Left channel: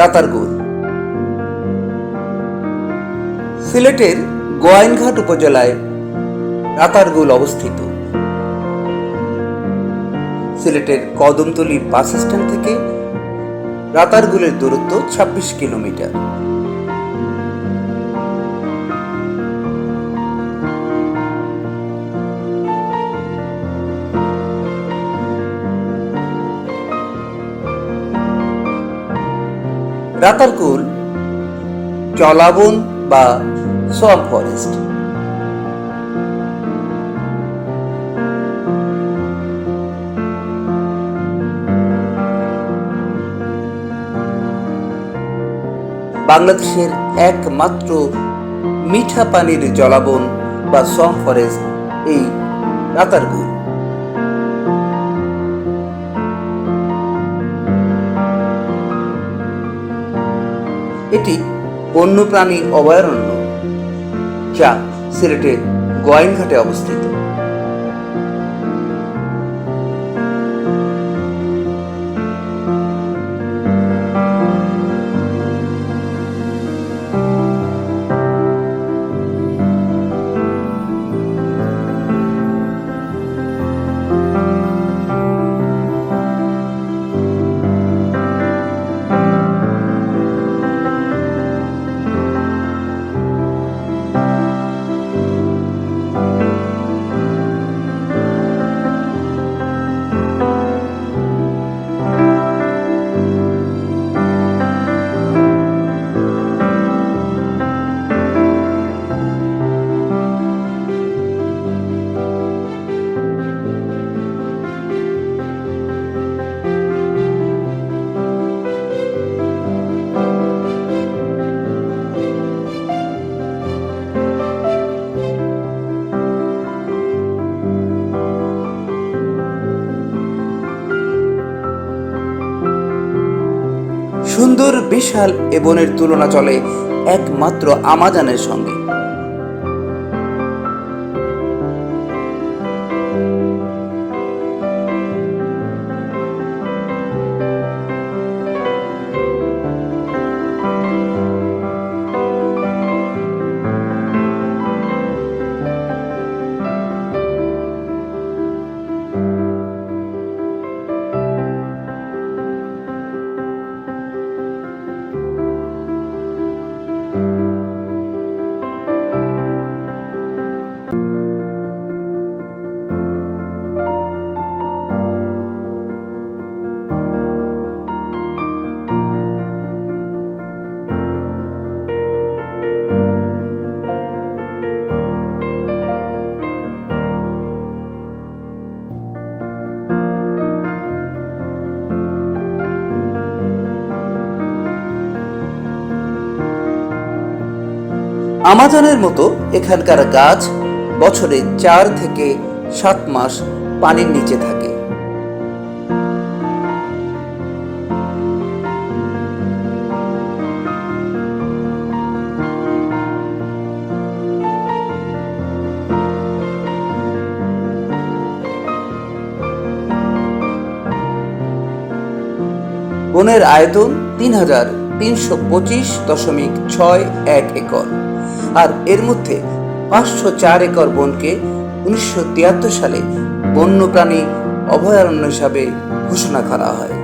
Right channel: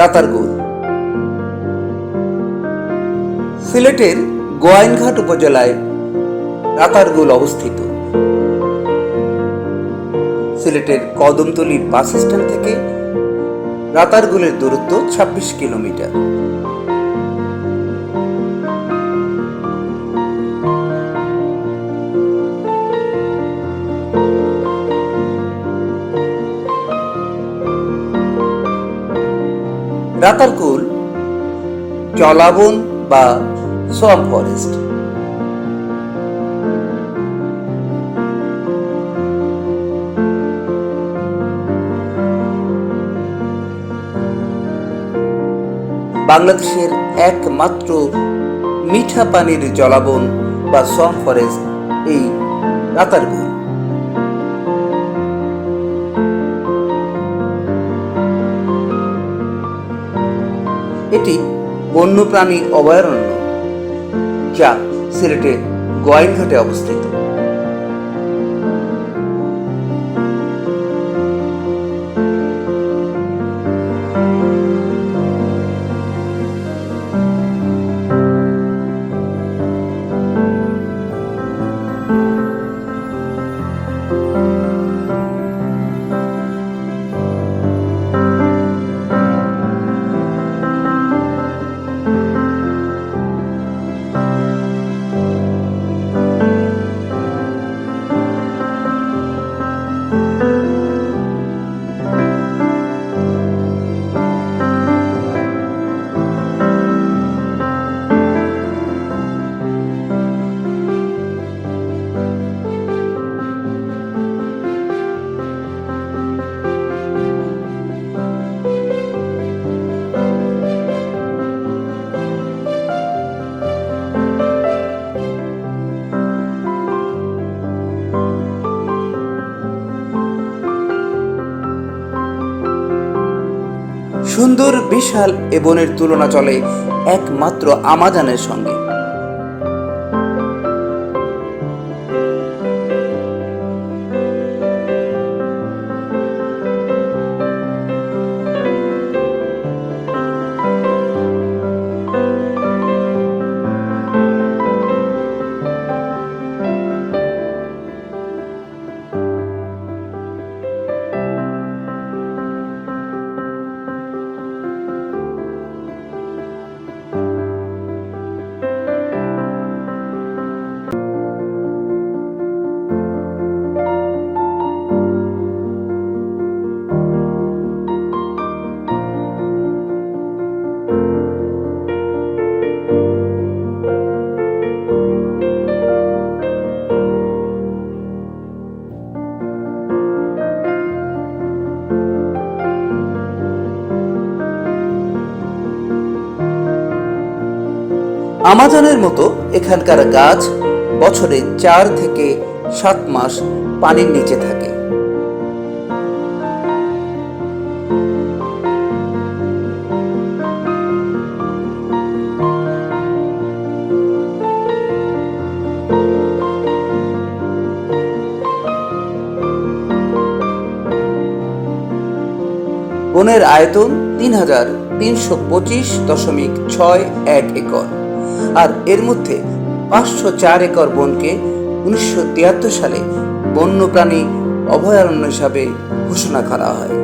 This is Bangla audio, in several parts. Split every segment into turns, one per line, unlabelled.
রাতারগুল সিলেটের গোয়াইনঘাট উপজেলায় রাতারগুল অবস্থিত। সিলেটের কদমতলির বাস স্ট্যান্ড থেকে রাতারগুলের দূরত্ব ২৬ কিলোমিটার। রাতারকুল জলাবন বা সোয়াম ফরেস্ট। বাংলাদেশের একমাত্র মিঠা পানির জলাবন বা সোয়াম ফরেস্ট এই রাতারগুল এটি বন্যপ্রাণী অভয়ারণ্য যা সিলেটের গোয়াইনঘাটে অবস্থিত। সুন্দর বিশাল এ বনের তুলনা চলে একমাত্র আমাজানের সঙ্গে। আমাজনের মতো এখানকার গাছ বছরে চার থেকে সাত মাস পানির নিচে থাকে। বনের আয়তন তিন হাজার তিনশো পঁচিশ দশমিক ছয় এক একর। আর এর মধ্যে পাঁচশো চার একর বনকে উনিশশো তিয়াত্তর সালে বন্যপ্রাণী অভয়ারণ্য হিসাবে ঘোষণা করা হয়।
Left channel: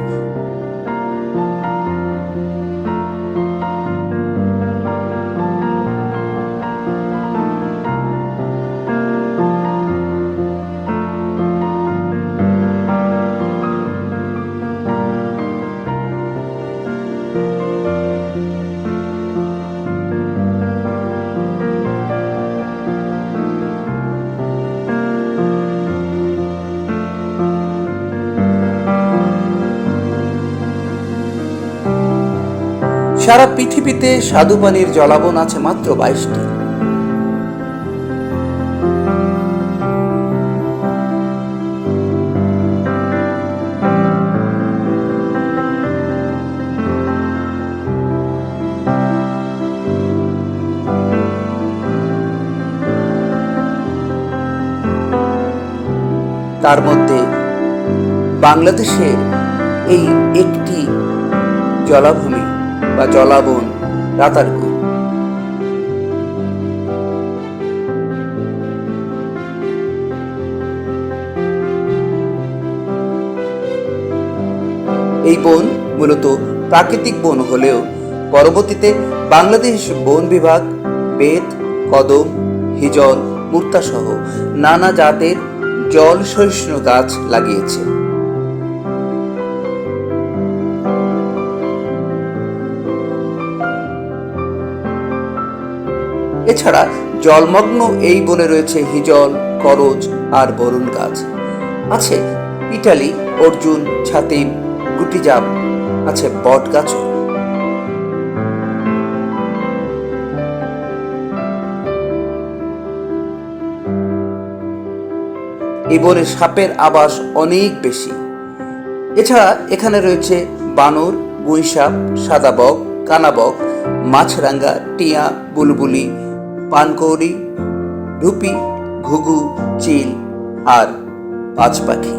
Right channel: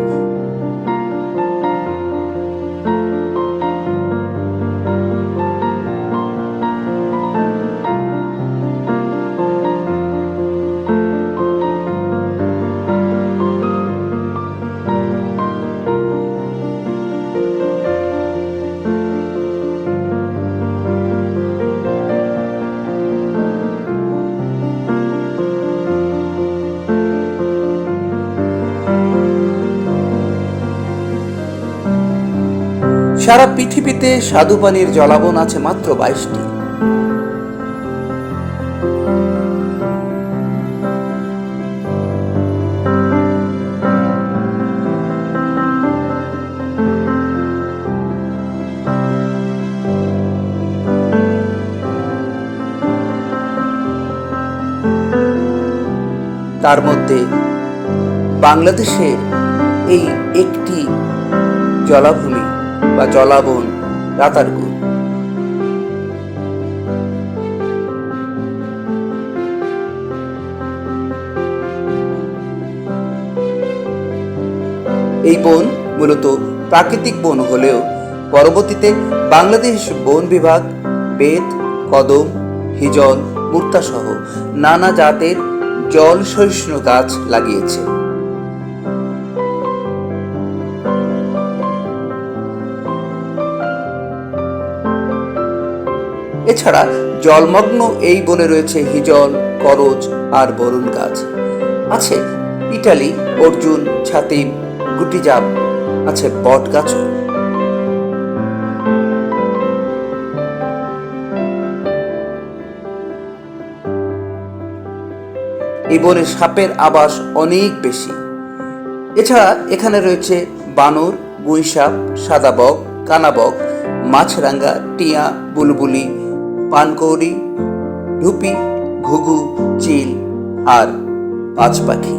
সারা পৃথিবীতে স্বাদু পানির জলাবন আছে মাত্র বাইশটি। তার মধ্যে বাংলাদেশের এই একটি জলাভূমি বা জলাবন রাতারগুল এই বন মূলত প্রাকৃতিক বন হলেও পরবর্তীতে বাংলাদেশ বন বিভাগ, বেত, কদম, হিজল, মুক্তাসহ নানা জাতের জল সহিষ্ণু গাছ লাগিয়েছে। এছাড়া জলমগ্ন এই বনে রয়েছে হিজল, করজ আর বরুণ গাছ। আছে ইটালি, অর্জুন, ছাতিম, গুটিজাম, আছে বট গাছও। এই বনে সাপের আবাস অনেক বেশি। এছাড়া এখানে রয়েছে বানর, গুইসাপ সাদাবক কানাবক মাছরাঙ্গা টিয়া, বুলবুলি পানকৌড়ি ঢুপি ঘুঘু চিল আর পাঁচ পাখি।